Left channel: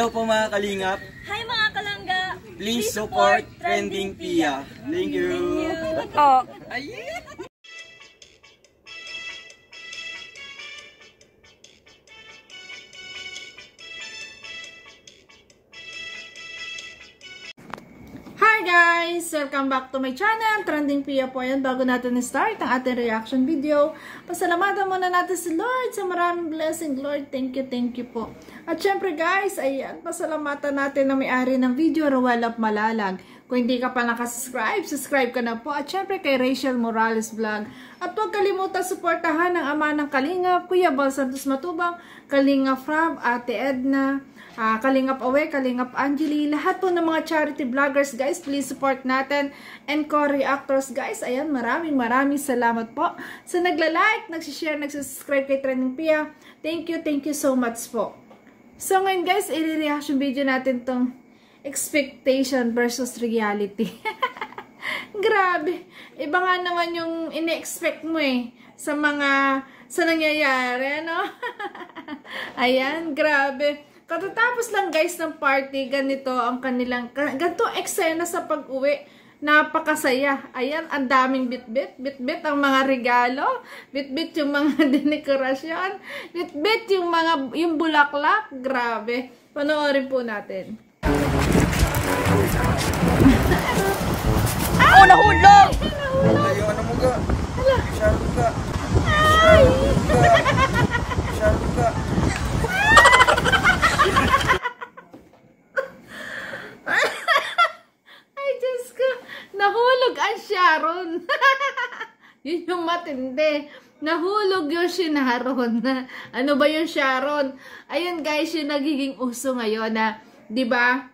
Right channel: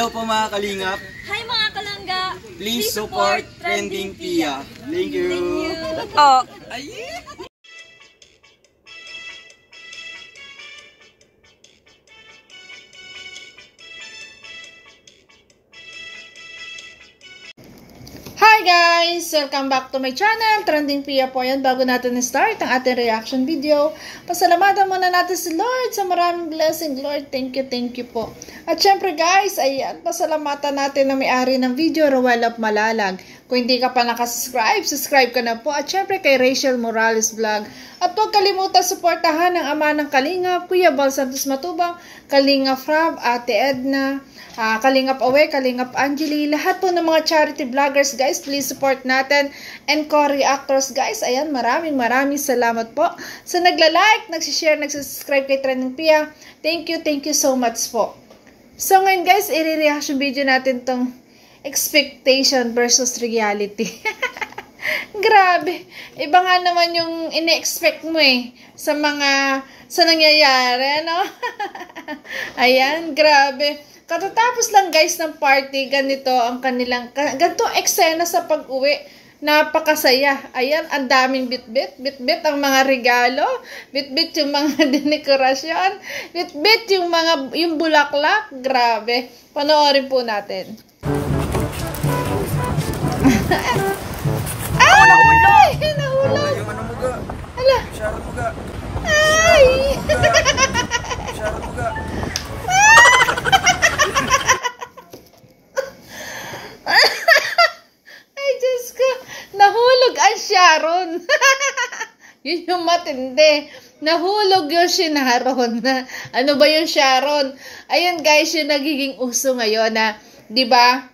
Hello po mga kalingap. Hi mga kalangga. Please support Trending Pia. Thank you. Oh. Hi guys! Welcome back to my channel, Trending Pia po yan. Bago natin start ang ating reaction video, pasalamatan muna natin si Lord sa maraming blessing. Lord, thank you po. At syempre guys, ayan, pasalamatan natin na may-ari ng video, Rowell of Malalag. Kung hindi ka pa nakasubscribe, subscribe ka na po. At syempre kay Rachel Morales Vlog. At huwag kalimutan suportahan ang ama ng Kalingap, Kuya Bal Santos Matubang, Kalingap Frab, Ate Edna, Kalingap Awe, Kalingap Angeli, lahat po ng mga charity vloggers guys, please support natin. And co-reactors guys, ayan, maraming salamat po sa nagla-like, nagsishare, nagsubscribe kay Trending Pia. Thank you so much po. So ngayon guys, i-reaction video natin tong expectation versus reality. Grabe, iba nga naman yung ine-expect mo sa nangyayari, ano? Ayan, grabe. Katatapos lang guys ng party, ganito ang kanilang, ganito eksena sa pag-uwi. Napakasaya. Ayan, ang daming bit-bit ang mga regalo, bit-bit yung mga dekorasyon, bit-bit yung bulaklak. Grabe. Panoorin po natin. Oh, nahulog! Nahulog! Hala! Ay! Ay, Diyos ko! Nahulog ang Sharon! Yun yung matindi. Nahulog yung Sharon. Ano ba yung Sharon? Ayun guys, yung nagiging uso ngayon na, di ba?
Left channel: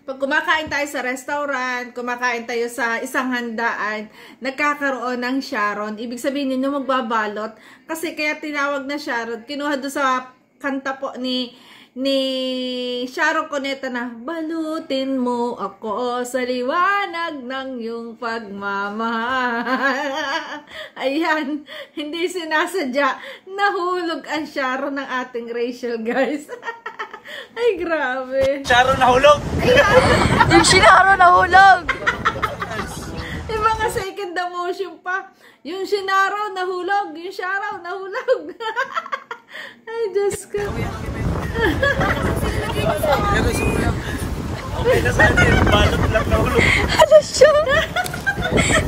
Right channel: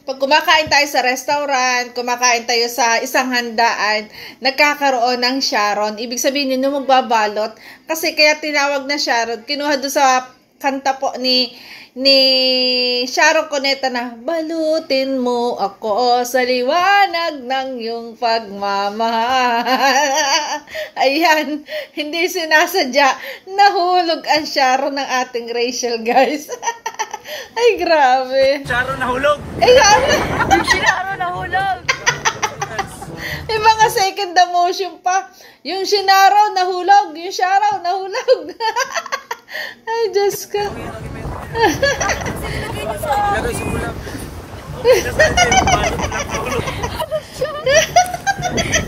Pag kumakain tayo sa restaurant, kumakain tayo sa isang handaan, nagkakaroon ng Sharon. Ibig sabihin yun yung magbabalot. Kasi kaya tinawag na Sharon, kinuha doon sa kanta po ni Sharon Cuneta na, balutin mo ako sa liwanag ng iyong pagmamahal. Ayan, hindi sinasadya. Nahulog ang Sharon ng ating Rachel, guys. Ay, grabe. Sharon nahulog. Ay, grabe. Yung Sharon nahulog. Yung mga second emotion pa. Yung Sharon nahulog. Yung Sharon nahulog. Ay, Diyos ko.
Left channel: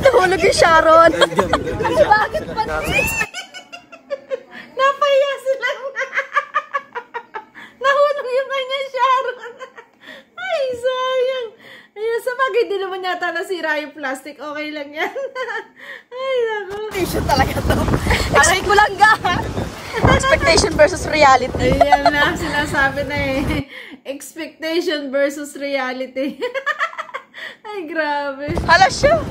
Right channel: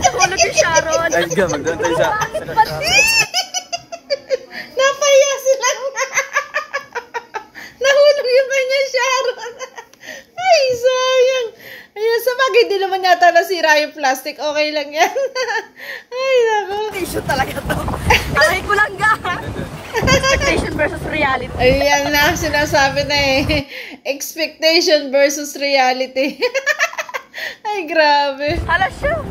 Nahulog yung Sharon. Bakit pati? Napaya sila. Nahulog yung kanya Sharon. Ay, sayang. Ayun, sa bagay, di naman yata nasira yung plastic. Okay lang yan. Ay, nako. Issue talaga to. Aray ko lang ga. Expectation versus reality. Ayan na, sinasabi na expectation versus reality. Ay, grabe. Hala siya.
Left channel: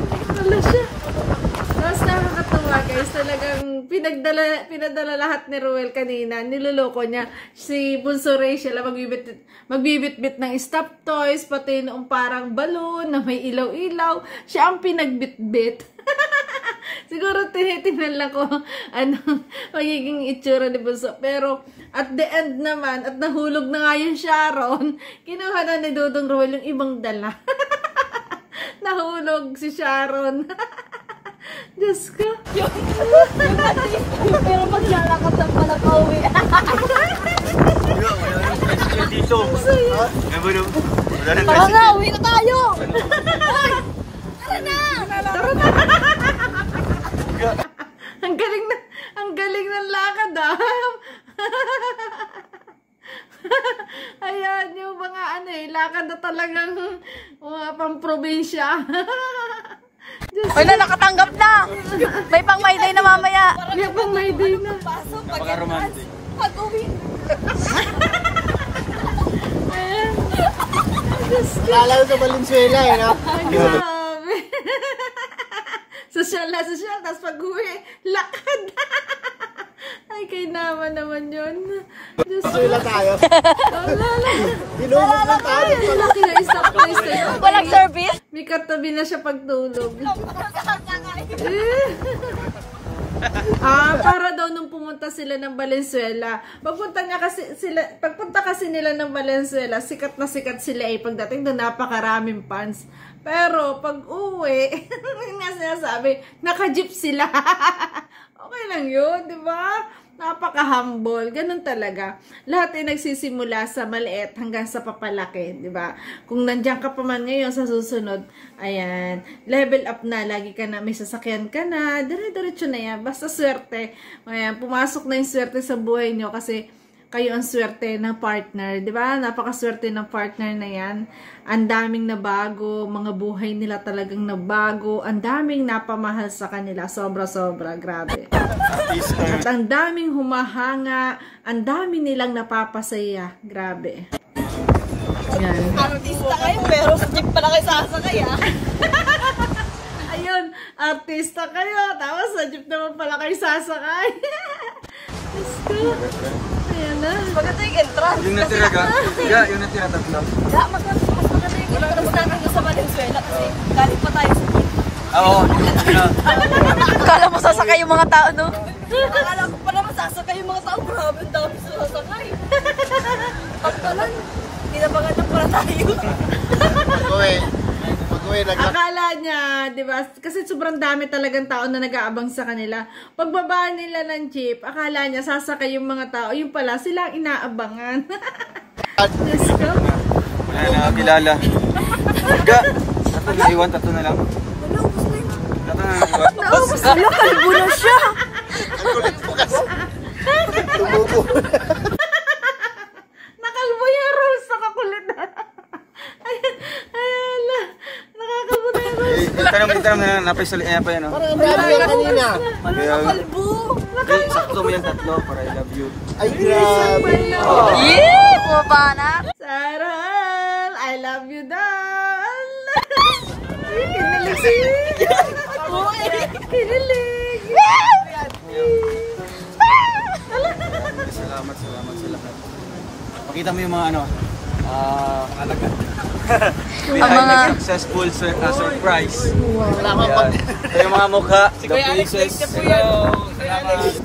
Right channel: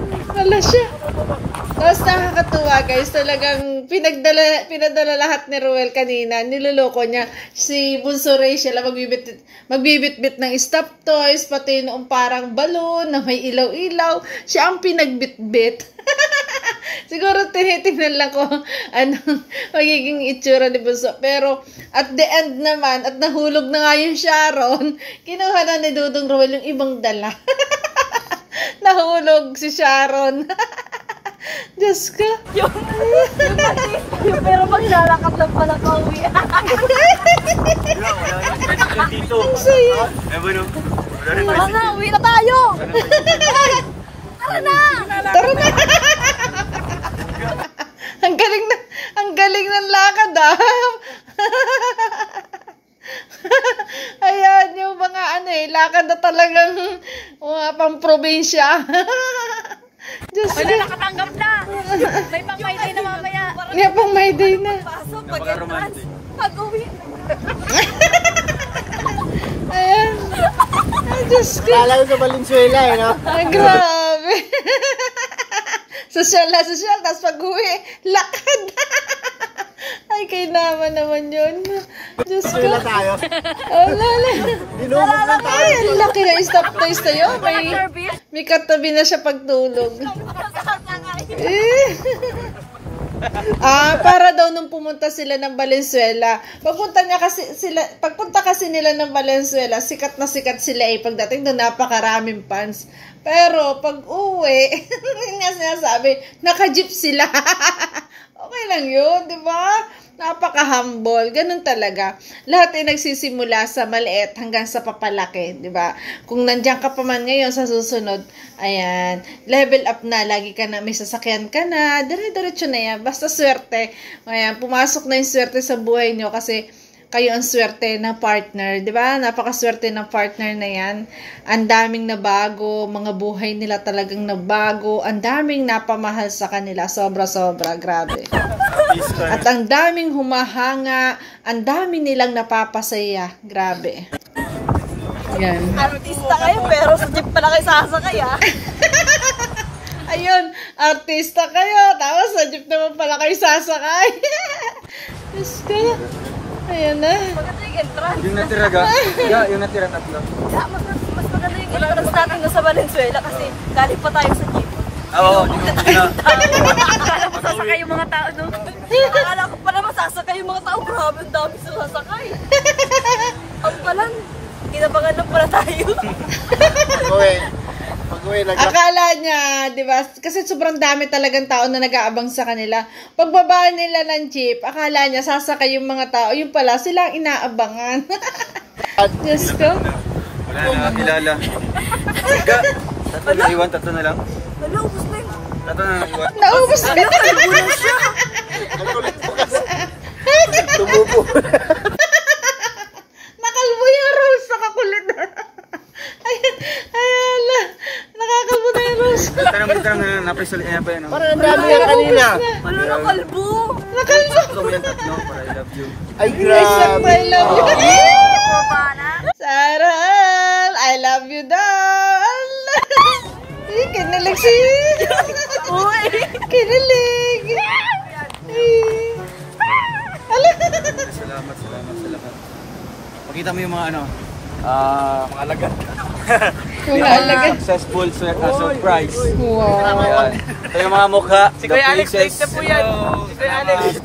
Tapos nakakatuwa guys, talagang pinadala lahat ni Rowell kanina, niloloko niya si Bunso Rachel, magbibit-bit ng stuffed toys, pati noong parang balon na may ilaw-ilaw, siya ang pinagbit-bit. Siguro tinitingnan lang ko anong magiging itsura ni Bunso, pero at the end naman, at nahulog na nga yung Sharon, kinuha na ni Dudong Rowell yung ibang dala. Nahulog si Sharon. Diyos ko. Yung pero maglalakad ng pala pauwi. Wala yung tradition dito. Ang saya. Tara na, uwi na tayo. Tara na. Ang galing ng lakad Ayan, yung mga lakad na talagang mga pang-probinsya. Wala, nakatanggap na. May pang my day na mamaya. May pang my day na. Pasok, pag-entrance, pag-uwi. Ayan. Ay, Diyos ko. Lalo sa Valenzuela no? Ay, grabe. Sosyal, tapos pag-uwi, lakad. Ay, kay naman yun. Diyos ko. Ay, ang laki na stop toys na yun. Walang service. May katabi na siya pagtulog. Para daw nung pumunta sila ng Valenzuela. Pagpunta kasi nila ng Valenzuela, sikat na sikat sila eh. Pagdating doon, napakaraming fans. Pero pag uwi, yun nga sinasabi, naka-jeep sila. Okay lang yun, di ba? Napaka-humble. Ganun talaga. Lahat ay nagsisimula sa maliit hanggang sa papalaki, di ba? Kung nandiyan ka pa man ngayon sa susunod, ayan, level up na. Lagi ka na, may sasakyan ka na. Dire-diretso na yan. Basta swerte. Ayan, pumasok na yung swerte sa buhay nyo kasi kayo ang swerte na partner, di ba? Napakaswerte ng partner na yan. Ang daming nabago, mga buhay nila talagang nabago. Ang daming napamahal sa kanila. Sobra-sobra, grabe. At ang daming humahanga, ang daming nilang napapasaya. Grabe. Yan. Artista kayo, pero sa jeep pala kayo sasakay, ah. Ayun, artista kayo. Tapos sa jeep naman pala kayo sasakay. Let's go. Ayan na. Maganda yung entrance. Yung natira ka? Yung natira tatlo. Yeah, mas maganda yung entrance natin doon sa Valenzuela kasi galing pa tayo sa jeep. Oo, Akala mo sasakay yung mga tao, no? Akala ko pa naman sasakay yung mga tao. Grabe, ang dami sila sasakay. Pampalan. Kinabangan lang pala tayo. Akala niya, di ba? Kasi sobrang dami talagang tao na nag-aabang sa kanila. Pagbaba nila ng jeep, akala niya sasakay yung mga tao. Yung pala, sila ang inaabangan. Diyos ko. wala na kilala. Tatlo na iwan, tatlo na lang. Wala, ubus na yun. Tatlo na lang iwan. Naubos na. Kalbo na siya. Nakalbo yung rules. Nakakulit na. Ayan, nakakalbo na yung rules. Tanong na napisali pa yan. Wala na kalbo. Sakto mo yung tatlo para I love you. Ay, grabe. I love you. Bumana. Saral, I love you, doll. Kinilig si... Kinilig. Salamat sa lahat. Pakita mo yung mga mga alagat. Successful surprise. Wow. Yung mga mukha. Si Kuya Alex, late na po yan. Si Kuya Alex.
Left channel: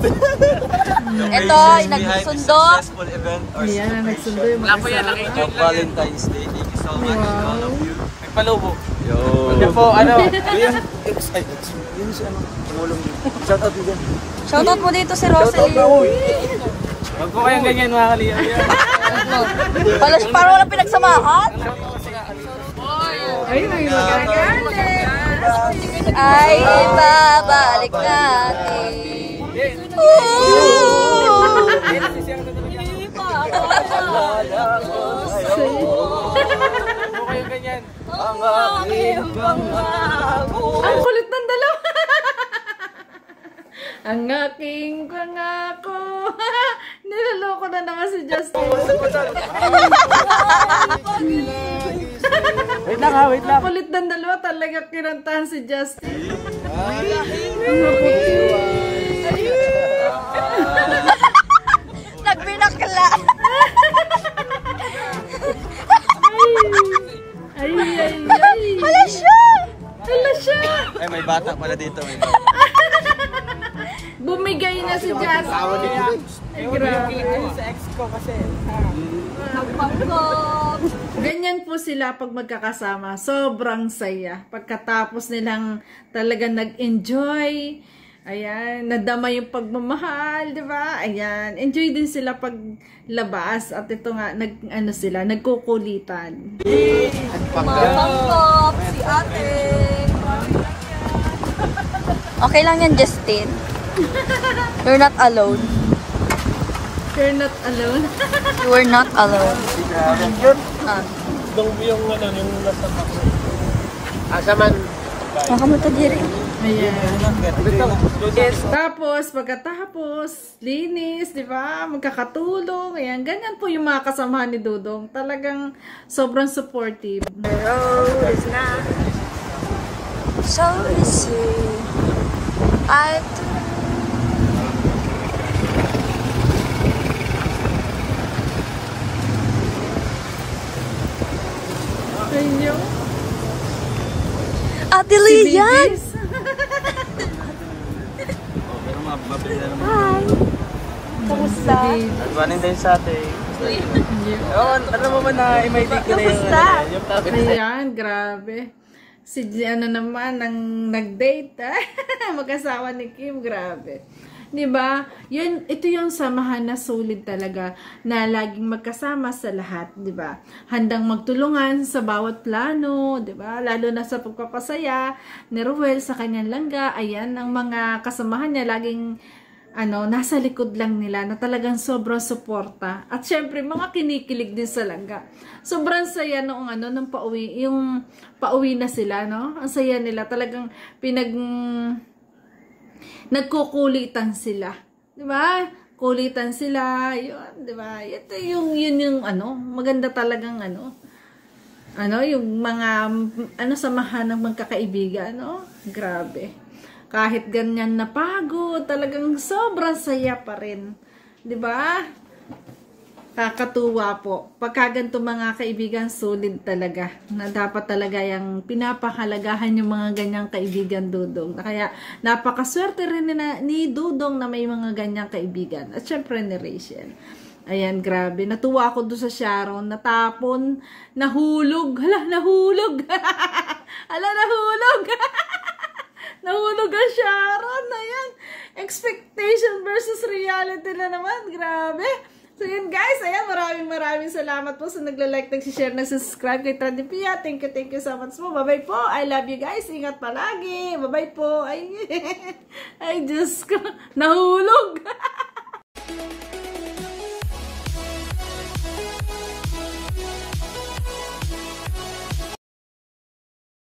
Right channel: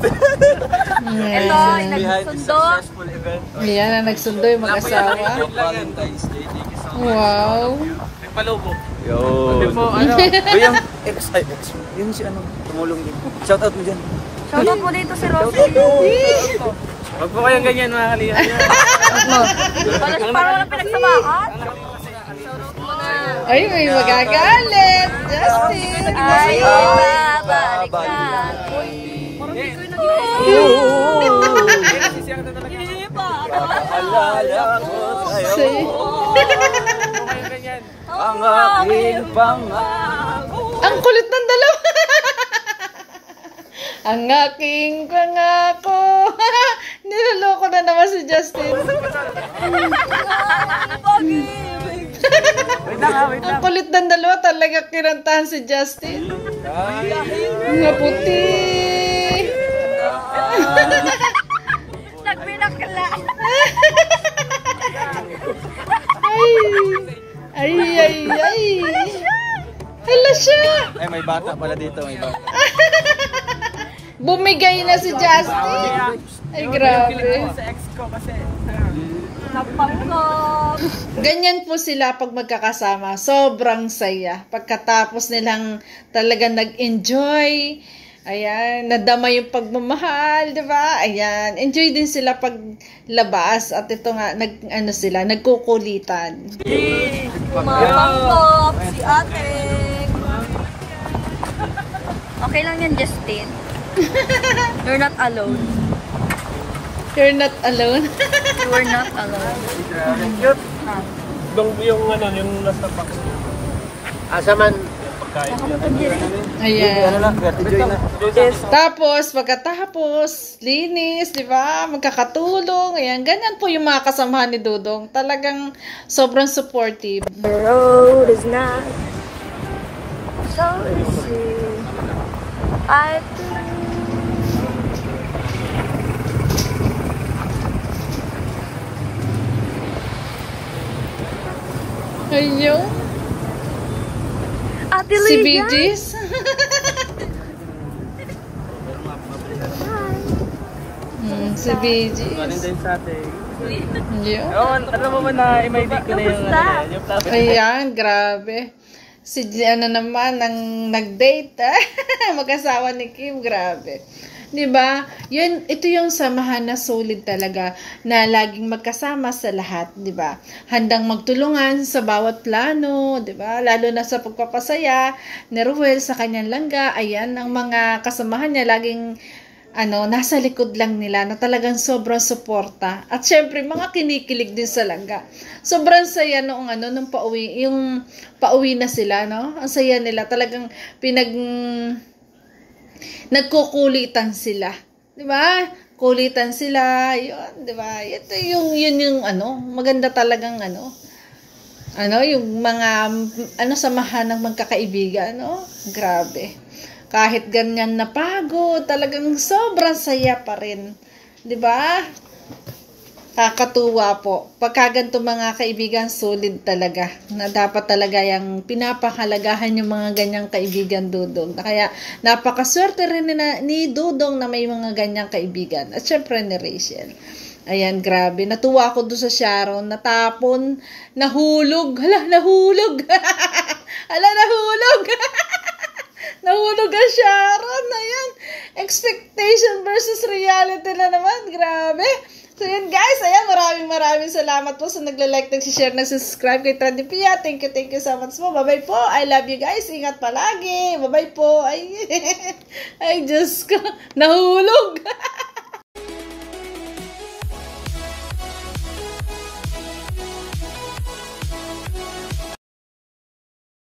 Ito, yung nagsundo. Successful event. Ayan na nagsundo yung mag-asawa. Valentine's Day. Thank you so much. Wow. Palubo. Yo. Po, Kuya X. Yun si tumulong din. Shout out mo dyan. Shoutout mo dito si Rosalie. Huwag po kayong ganyan mga kaliya. Parang walang pinagsamahan. Ay, may magagalit. Justin. Ay, babalik natin. Say. Ang kulit ng dalawa. Ang aking pangako. Niloloko na naman si Justin. Wait lang. Ang kulit ng dalawa, talaga kinantahan si Justin. Naputi. Nagbinakla. Ay. Hala siya. Ay, may bata pala dito. Bumigay na si Justin. Ay, grabe. Sa ex ko kasi. Ganyan po sila pag magkakasama. Sobrang saya. Pagkatapos nilang talagang nag-enjoy. Ayan, nadama yung pagmamahal, di ba? Ayan, enjoy din sila paglabas. At ito nga, nagkukulitan. Okay lang yan, Justin. You're not alone. You're not alone. You are not alone. You're not. Ayan. Tapos, pagkatapos, linis, di ba? Magkakatulong. Ayan, ganyan po yung mga kasamahan ni Dudong. Talagang sobrang supportive. The road is not so easy. I do. Ayun. Ate Si Lian. BGs. Hi. Si BG. Valentine's sa atin. Yun. Oo, alam mo ba na i-invite ko na yung Ayan, grabe. Si ano naman, ang nag-date, mag-asawa ni Kim, grabe. 'Di ba? Ito yung samahan na solid talaga na laging magkasama sa lahat, 'di ba? Handang magtulungan sa bawat plano, 'di ba? Lalo na sa pagpapasaya ni Ruel sa kanyang langga. Ayan, ang mga kasamahan niya laging nasa likod lang nila na talagang sobrang suporta. At syempre, mga kinikilig din sa langga. Sobrang saya noong nung pauwi, yung pauwi na sila, no? Ang saya nila, talagang nagkukulitan sila. 'Di ba? Kulitan sila, 'yun, 'di ba? Ito yung maganda talagang yung mga samahan ng magkakaibigan, no? Grabe. Kahit ganyan na pagod, talagang sobrang saya pa rin. 'Di ba? Kakatuwa po. Pagka ganito mga kaibigan, solid talaga. Na dapat talaga yung pinapahalagahan yung mga ganyang kaibigan, Dudong. Kaya napakaswerte rin ni Dudong na may mga ganyang kaibigan. At syempre ni Rachel. Ayan, grabe. Natuwa ako doon sa Sharon. Natapon, nahulog. Hala, nahulog. Hala, nahulog. Nahulog ang Sharon. Ayan. Expectation versus reality na naman. Grabe. So yun guys, ayan, maraming salamat po sa nagla-like, nag-share, nag-subscribe kay Trending Pia. Thank you so much po. Bye-bye po. I love you guys. Ingat palagi. Bye-bye po. Ay, Diyos ko. Nahulog.